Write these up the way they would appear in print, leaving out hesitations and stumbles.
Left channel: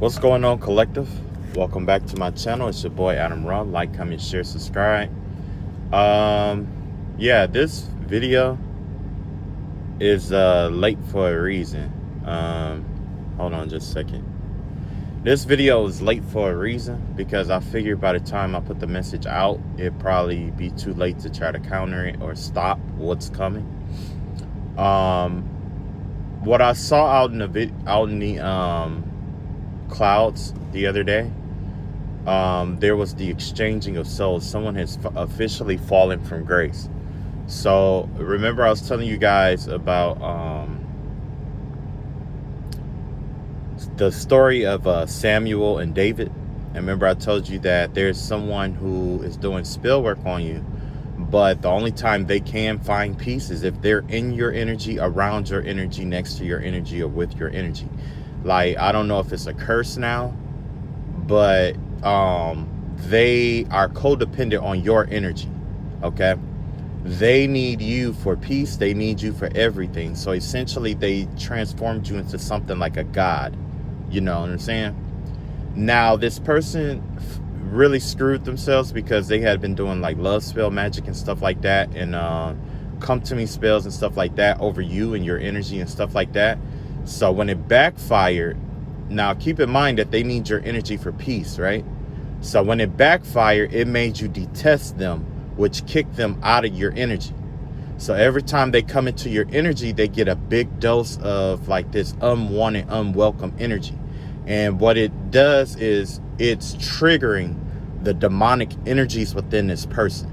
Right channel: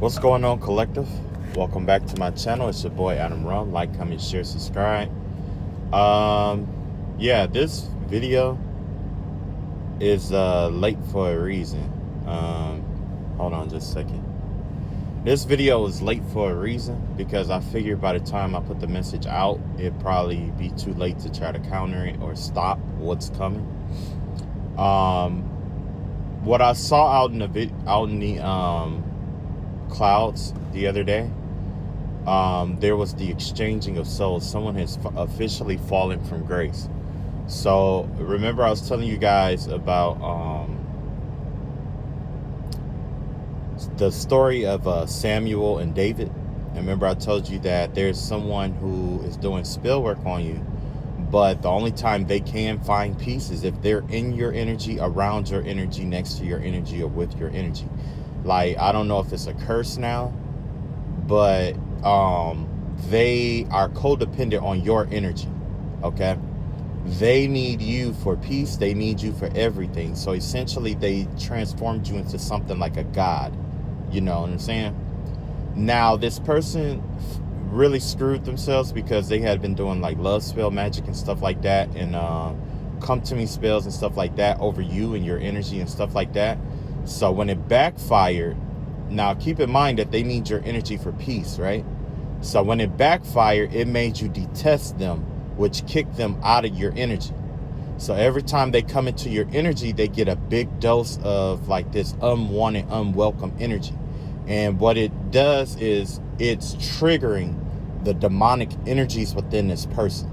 What's going on, collective? Welcome back to my channel. It's your boy Adam Ron. Like, comment, share, subscribe. Yeah, this video is late for a reason. Hold on just a second. This video is late for a reason because I figured by the time I put the message out, it'd probably be too late to try to counter it or stop what's coming. What I saw out in the clouds the other day, there was the exchanging of souls. Someone has officially fallen from grace. So remember I was telling you guys about the story of Samuel and David. And remember I told you that there's someone who is doing spell work on you, but the only time they can find peace is if they're in your energy, around your energy, next to your energy, or with your energy. Like, I don't know if it's a curse now, but they are codependent on your energy. Okay, they need you for peace, they need you for everything. So essentially they transformed you into something like a god, you know what I'm saying? Now this person really screwed themselves because they had been doing like love spell magic and stuff like that, and come to me spells and stuff like that over you and your energy and stuff like that. So when it backfired, now keep in mind that they need your energy for peace, right? So when it backfired, it made you detest them, which kicked them out of your energy. So every time they come into your energy, they get a big dose of like this unwanted, unwelcome energy. And what it does is it's triggering the demonic energies within this person.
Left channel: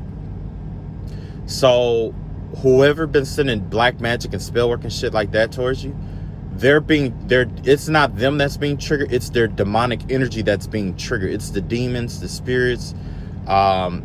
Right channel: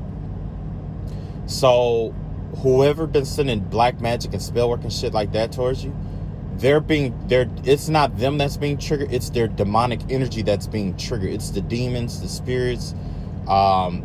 So whoever been sending black magic and spell work and shit like that towards you, it's not them that's being triggered, it's their demonic energy that's being triggered. It's the demons, the spirits,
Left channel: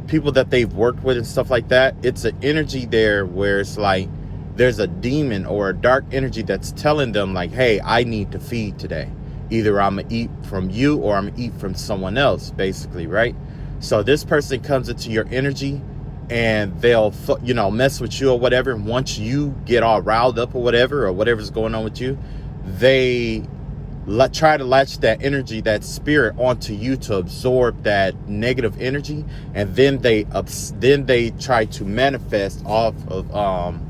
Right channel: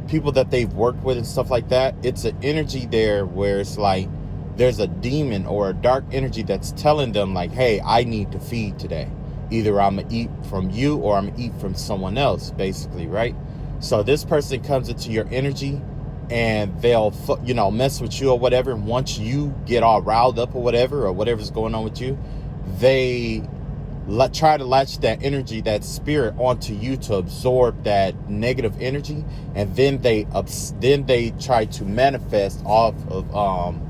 people that they've worked with and stuff like that. It's an energy there where it's like there's a demon or a dark energy that's telling them like, hey, I need to feed today. Either I'm gonna eat from you or I'm gonna eat from someone else, basically, right? So this person comes into your energy and they'll, you know, mess with you or whatever. And once you get all riled up or whatever's going on with you, they try to latch that energy, that spirit onto you to absorb that negative energy, and then they try to manifest off of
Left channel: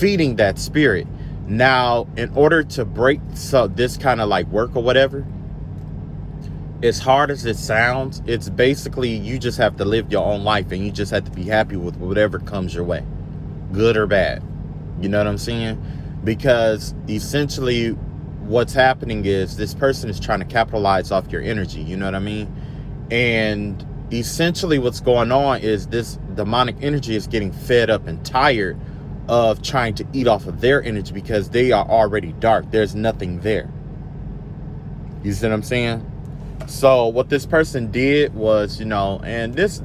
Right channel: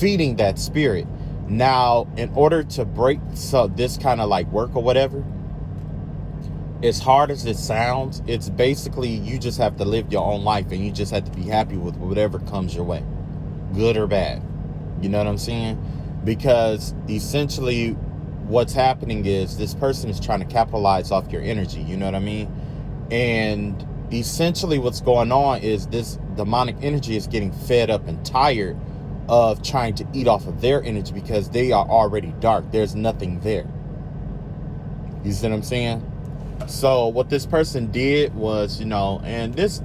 feeding that spirit. Now, in order to break this kind of like work or whatever, as hard as it sounds, it's basically you just have to live your own life and you just have to be happy with whatever comes your way, good or bad. You know what I'm saying? Because essentially what's happening is this person is trying to capitalize off your energy. You know what I mean? And essentially what's going on is this demonic energy is getting fed up and tired of trying to eat off of their energy because they are already dark. There's nothing there. You see what I'm saying? So what this person did was, you know, and this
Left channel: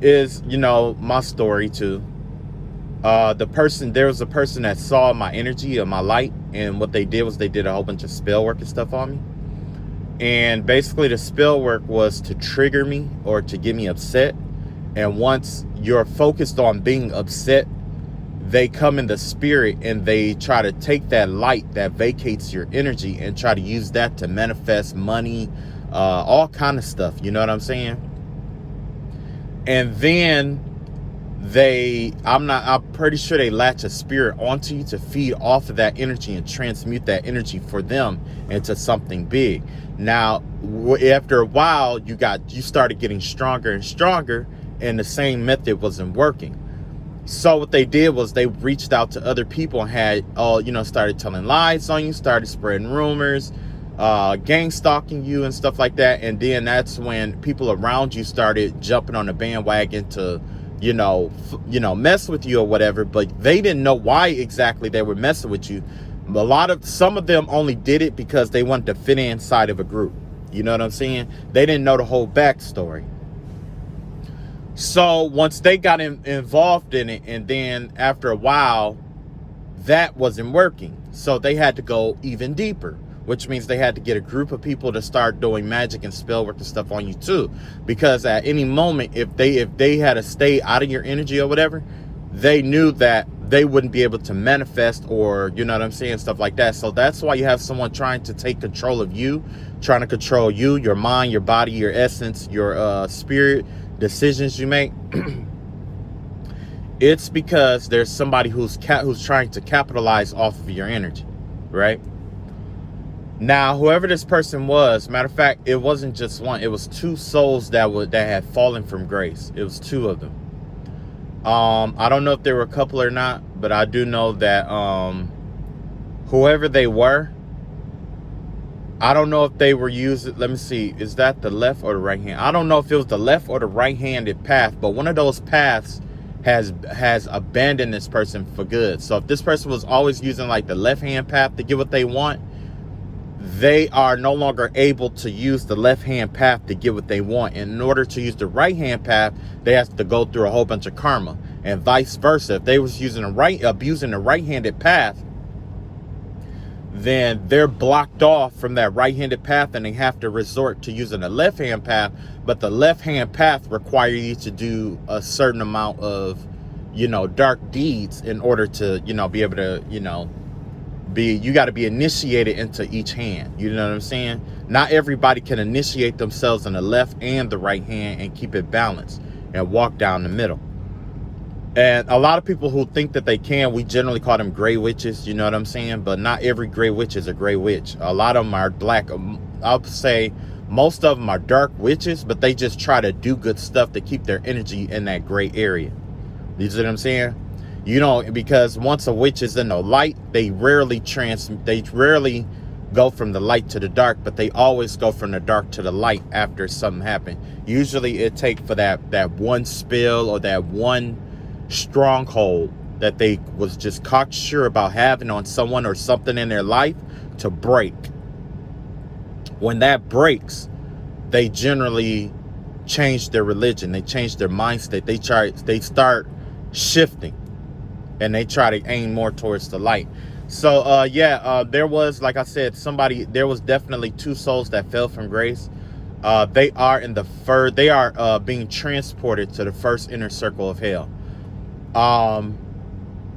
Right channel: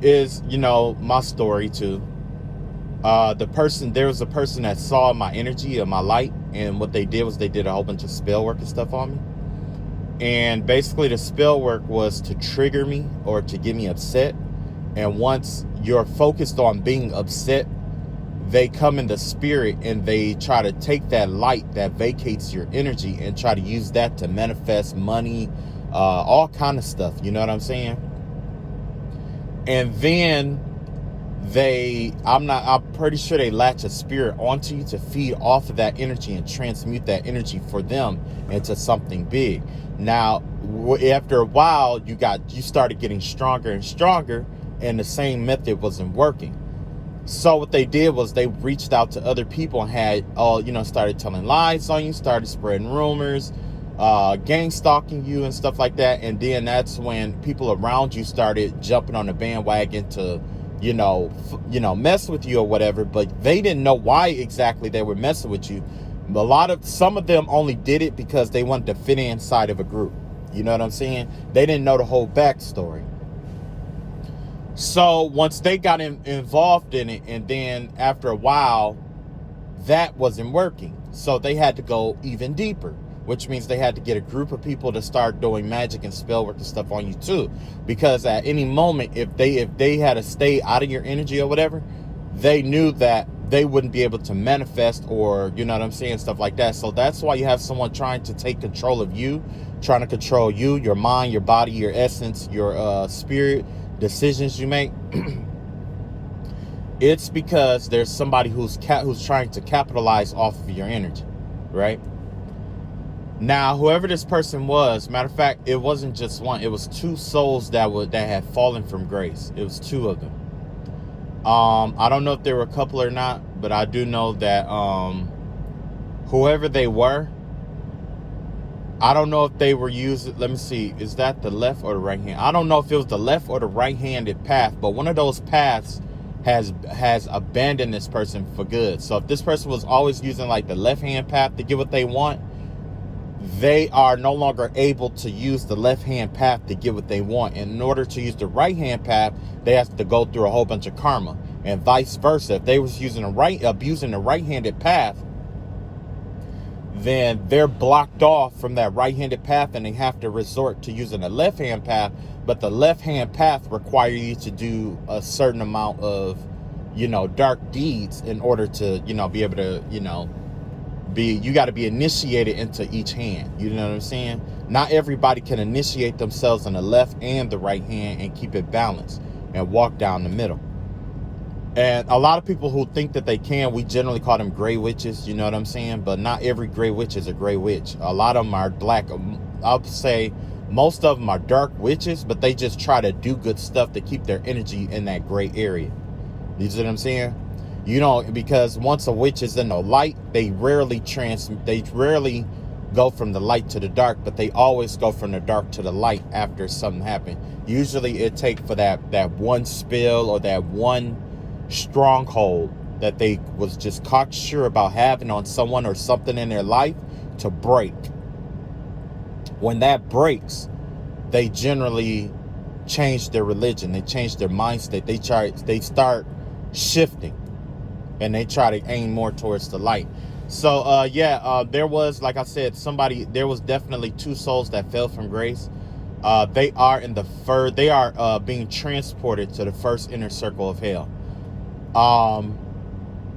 is, you know, my story too. There was a person that saw my energy or my light, and what they did was they did a whole bunch of spell work and stuff on me. And basically the spell work was to trigger me or to get me upset. And once you're focused on being upset, they come in the spirit and they try to take that light that vacates your energy and try to use that to manifest money, all kind of stuff. You know what I'm saying? And then I'm pretty sure they latch a spirit onto you to feed off of that energy and transmute that energy for them into something big. Now, after a while, you started getting stronger and stronger, and the same method wasn't working. So what they did was they reached out to other people and had, started telling lies on you, started spreading rumors, gang stalking you and stuff like that. And then that's when people around you started jumping on the bandwagon to, mess with you or whatever. But they didn't know why exactly they were messing with you. Some of them only did it because they wanted to fit inside of a group. You know what I'm saying? They didn't know the whole backstory. So once they got involved in it, and then after a while, that wasn't working. So they had to go even deeper, which means they had to get a group of people to start doing magic and spell work and stuff on you too. Because at any moment, if they had to stay out of your energy or whatever, they knew that they wouldn't be able to manifest, or you know what I'm saying, stuff like that. So that's why you have someone trying to take control of you, trying to control you, your mind, your body, your essence, your spirit, decisions you make. It's because there's somebody who's trying to capitalize off of your energy, right? Now, whoever this person was, matter of fact, it wasn't just one. It was two souls that had fallen from grace. It was two of them. I don't know if they were a couple or not, but I do know that whoever they were, I don't know if they were using, let me see, is that the left or the right hand? I don't know if it was the left or the right-handed path, but one of those paths has abandoned this person for good. So if this person was always using like the left-hand path to get what they want, they are no longer able to use the left-hand path to get what they want. And in order to use the right-hand path, they have to go through a whole bunch of karma, and vice versa. If they was using abusing the right-handed path, then they're blocked off from that right-handed path, and they have to resort to using the left-hand path. But the left-hand path requires you to do a certain amount of, dark deeds in order to, be able to, you got to be initiated into each hand. You know what I'm saying? Not everybody can initiate themselves in the left and the right hand and keep it balanced and walk down the middle. And a lot of people who think that they can, we generally call them gray witches, you know what I'm saying? But not every gray witch is a gray witch. A lot of them are black. I'll say most of them are dark witches, but they just try to do good stuff to keep their energy in that gray area. You see what I'm saying? Because once a witch is in the light, they rarely go from the light to the dark, but they always go from the dark to the light after something happened. Usually it takes for that one spill or that one stronghold that they was just cocksure about having on someone or something in their life to break. When that breaks, they generally change their religion, they change their mindset, they start shifting, and they try to aim more towards the light. So there was, like I said, there was definitely two souls that fell from grace. They are being transported to the first inner circle of hell.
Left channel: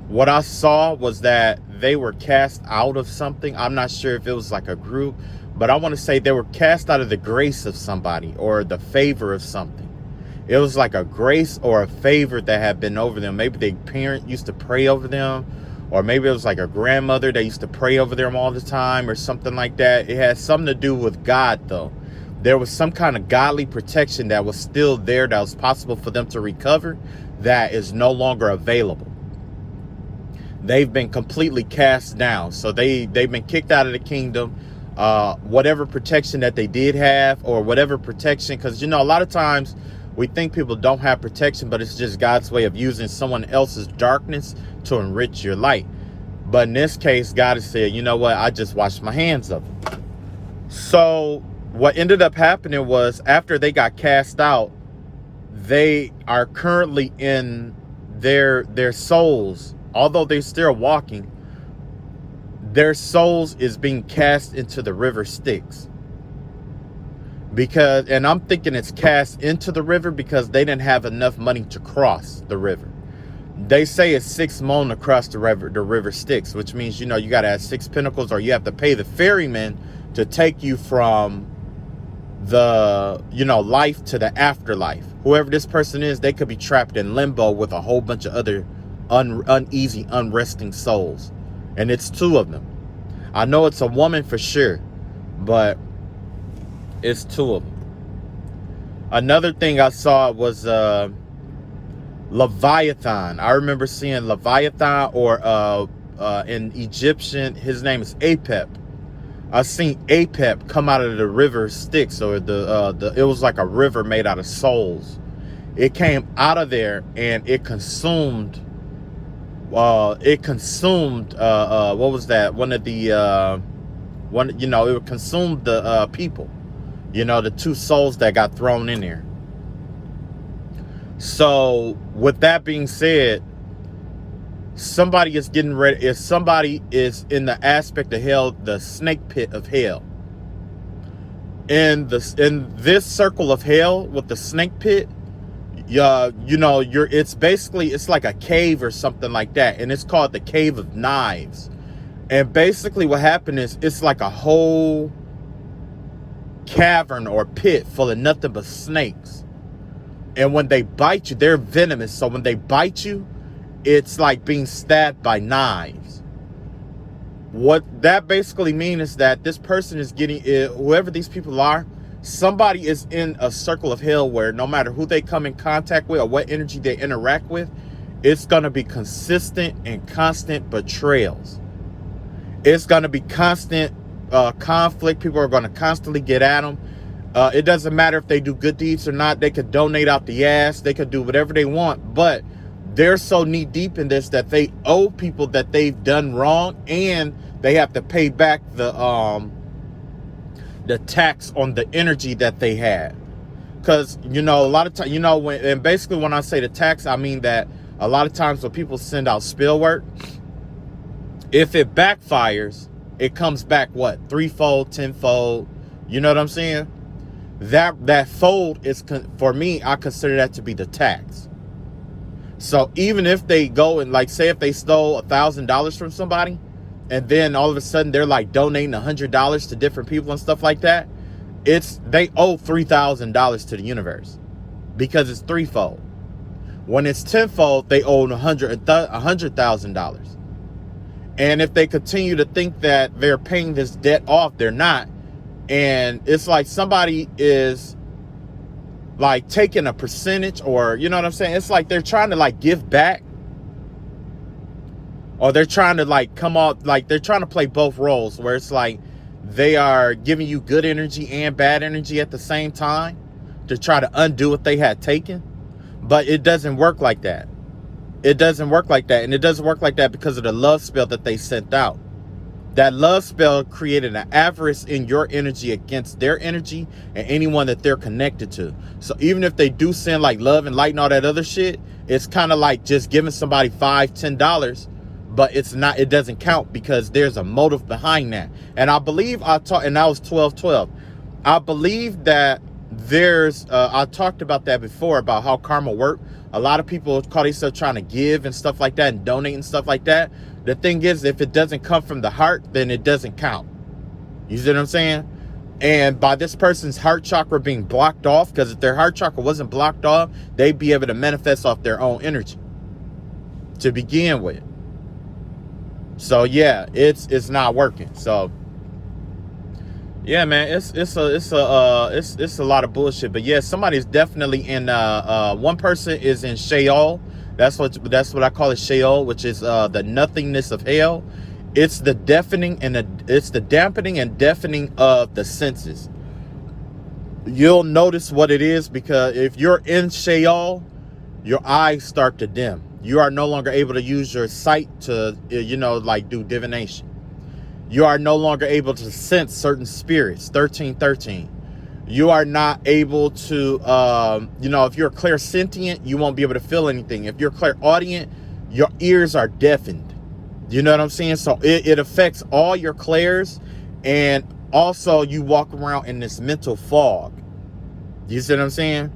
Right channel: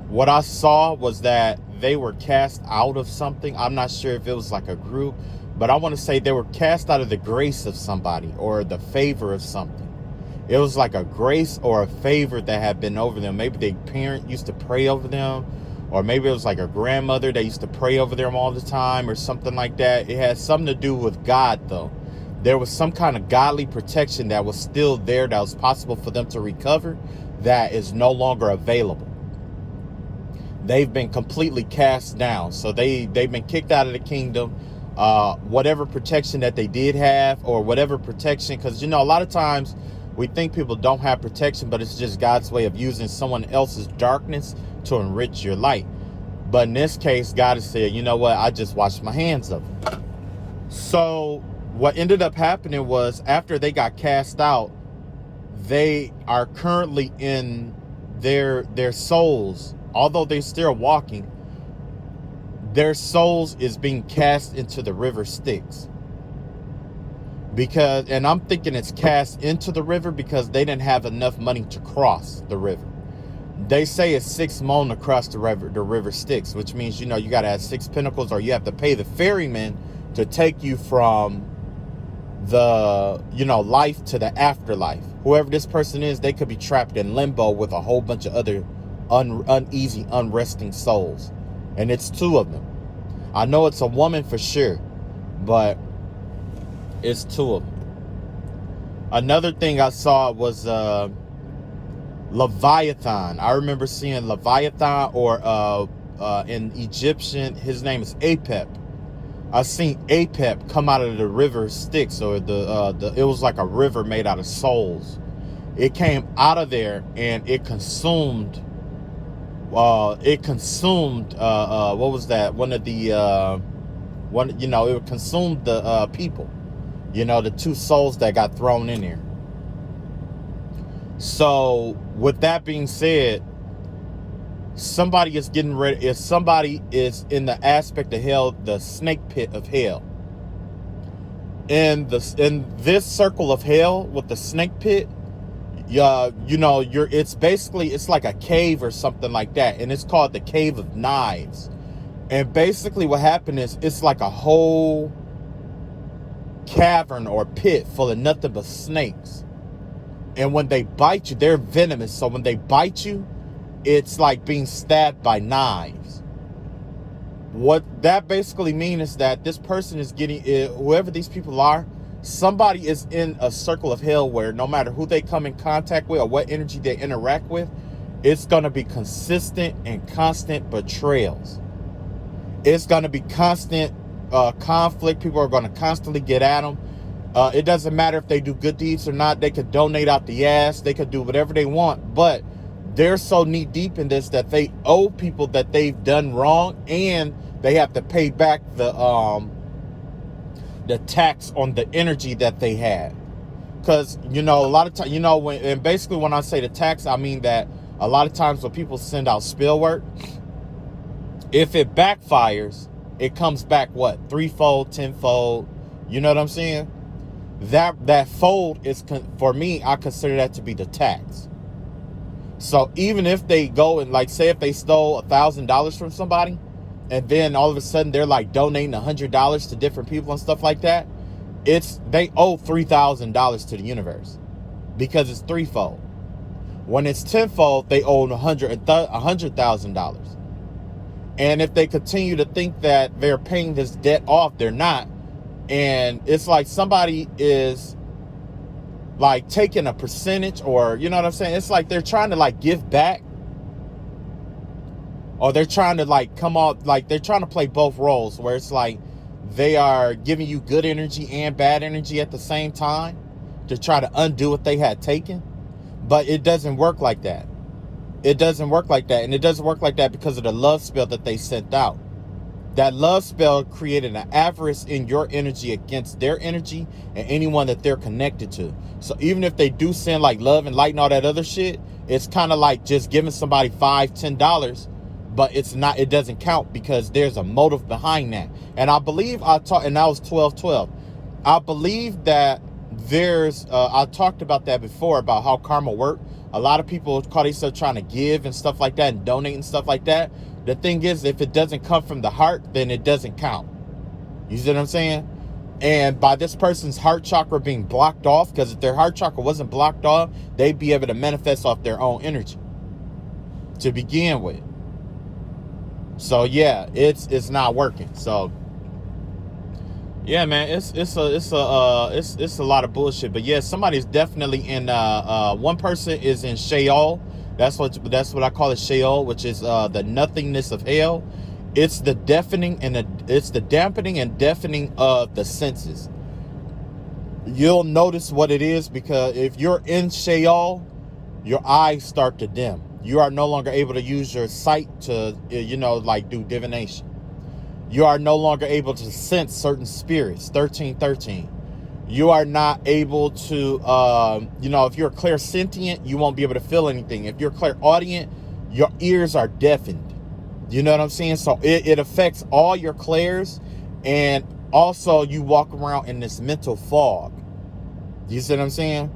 What I saw was that they were cast out of something. I'm not sure if it was like a group, but I want to say they were cast out of the grace of somebody or the favor of something. It was like a grace or a favor that had been over them. Maybe their parent used to pray over them, or maybe it was like a grandmother that used to pray over them all the time or something like that. It had something to do with God, though. There was some kind of godly protection that was still there, that was possible for them to recover, that is no longer available. They've been completely cast down. So they've been kicked out of the kingdom. Whatever protection that they did have, or whatever protection, because a lot of times we think people don't have protection, but it's just God's way of using someone else's darkness to enrich your light. But in this case, God has said, you know what, I just washed my hands of it. So what ended up happening was, after they got cast out, they are currently in their souls, although they're still walking, their souls is being cast into the river Styx. And I'm thinking it's cast into the river because they didn't have enough money to cross the river. They say it's 6 mon to cross the river Styx, which means, you got to have 6 pinnacles, or you have to pay the ferryman to take you from the, life to the afterlife. Whoever this person is, they could be trapped in limbo with a whole bunch of other uneasy, unresting souls. And it's 2 of them. I know it's a woman for sure, but it's 2 of them. Another thing I saw was Leviathan. I remember seeing Leviathan, or in Egyptian, his name is Apep. I seen Apep come out of the river Styx, or it was like a river made out of souls. It came out of there and it consumed. What was that? It consumed the people. The 2 souls that got thrown in there. So with that being said, somebody is getting ready. If somebody is in the aspect of hell, the snake pit of hell, in this circle of hell with the snake pit, you know, it's basically, it's like a cave or something like that, and it's called the Cave of Knives. And basically what happened is, it's like a whole cavern or pit full of nothing but snakes. And when they bite you, they're venomous. So when they bite you, it's like being stabbed by knives. What that basically means is that this person is getting, whoever these people are, somebody is in a circle of hell where no matter who they come in contact with or what energy they interact with, it's going to be consistent and constant betrayals. It's going to be constant conflict. People are going to constantly get at them. It doesn't matter if they do good deeds or not. They could donate out the ass. They could do whatever they want. But they're so knee deep in this that they owe people that they've done wrong, and they have to pay back the tax on the energy that they had. Because, you know, a lot of times, you know, and basically when I say the tax, I mean that a lot of times when people send out spill work, if it backfires, it comes back what, threefold, tenfold. You know what I'm saying? That fold is, for me, I consider that to be the tax. So even if they go and, like, say if they stole $1,000 from somebody, and then all of a sudden they're like donating $100 to different people and stuff like that, they owe $3,000 to the universe, because it's threefold. When it's tenfold, they owe $100,000. And if they continue to think that they're paying this debt off, they're not. And it's like somebody is like taking a percentage, or, you know what I'm saying? It's like they're trying to like give back, or they're trying to like come off, like they're trying to play both roles, where it's like they are giving you good energy and bad energy at the same time to try to undo what they had taken. But it doesn't work like that. It doesn't work like that. And it doesn't work like that because of the love spell that they sent out. That love spell created an avarice in your energy against their energy and anyone that they're connected to. So even if they do send like love and light and all that other shit, it's kind of like just giving somebody $5-10, but it's not, it doesn't count, because there's a motive behind that. And I believe and that was 12/12. I believe that there's I talked about that before, about how karma work. A lot of people call themselves trying to give and stuff like that and donate and stuff like that. The thing is, if it doesn't come from the heart, then it doesn't count. You see what I'm saying? And by this person's heart chakra being blocked off, because if their heart chakra wasn't blocked off, they'd be able to manifest off their own energy to begin with. So yeah, it's not working. So yeah, man, it's a lot of bullshit. But yeah, somebody's definitely in one person is in Sheol. That's what I call it, Sheol, which is the nothingness of hell. It's the dampening and deafening of the senses. You'll notice what it is, because if you're in Sheol, your eyes start to dim. You are no longer able to use your sight to, you know, like do divination. You are no longer able to sense certain spirits, 1313. You are not able to, you know, if you're clairsentient, you won't be able to feel anything. If you're clairaudient, your ears are deafened. You know what I'm saying? So it affects all your clairs, and also you walk around in this mental fog. You see what I'm saying?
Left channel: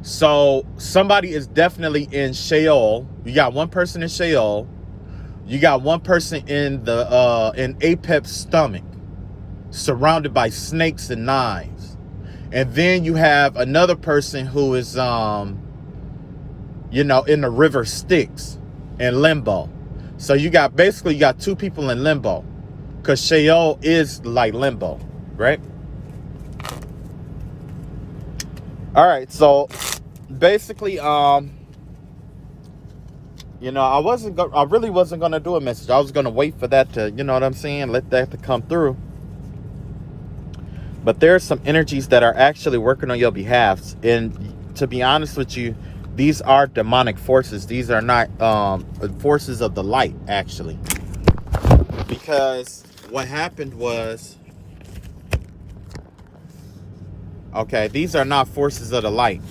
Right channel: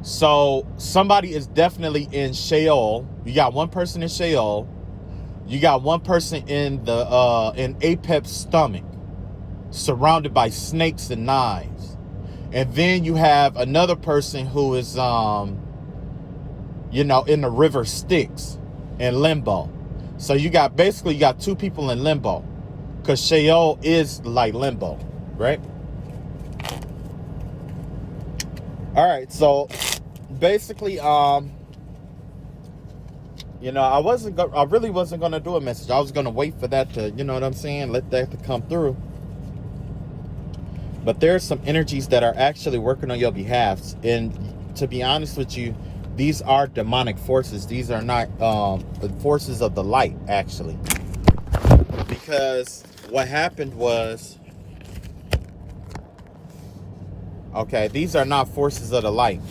So somebody is definitely in Sheol. You got one person in Sheol. You got one person in the in Apep's stomach, surrounded by snakes and knives. And then you have another person who is you know, in the river Styx, in limbo. So you got two people in limbo, because Sheol is like limbo, right? All right, so basically, you know, I really wasn't gonna do a message. I was gonna wait for that to, you know what I'm saying, let that to come through. But there are some energies that are actually working on your behalf, and to be honest with you, these are demonic forces. These are not forces of the light, actually. Because what happened was, okay, these are not forces of the light.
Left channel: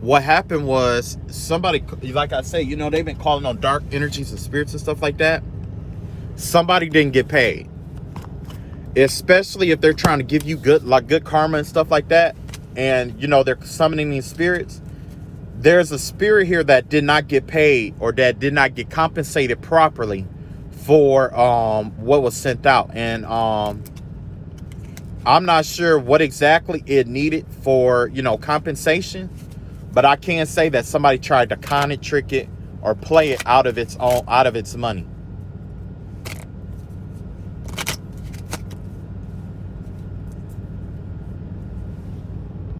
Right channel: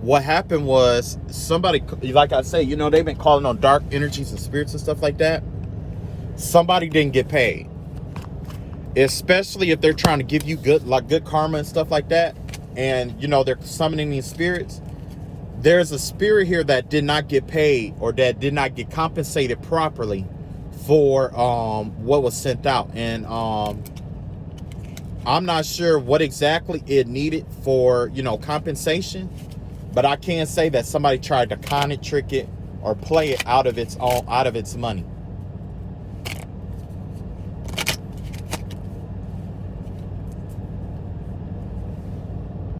What happened was, somebody, like I say, you know, they've been calling on dark energies and spirits and stuff like that. Somebody didn't get paid. especially if they're trying to give you good karma and stuff like that, and you know they're summoning these spirits. There's a spirit here that did not get paid, or that did not get compensated properly for what was sent out, and I'm not sure what exactly it needed for, you know, compensation, but I can say that somebody tried to con it, trick it, or play it out of its money.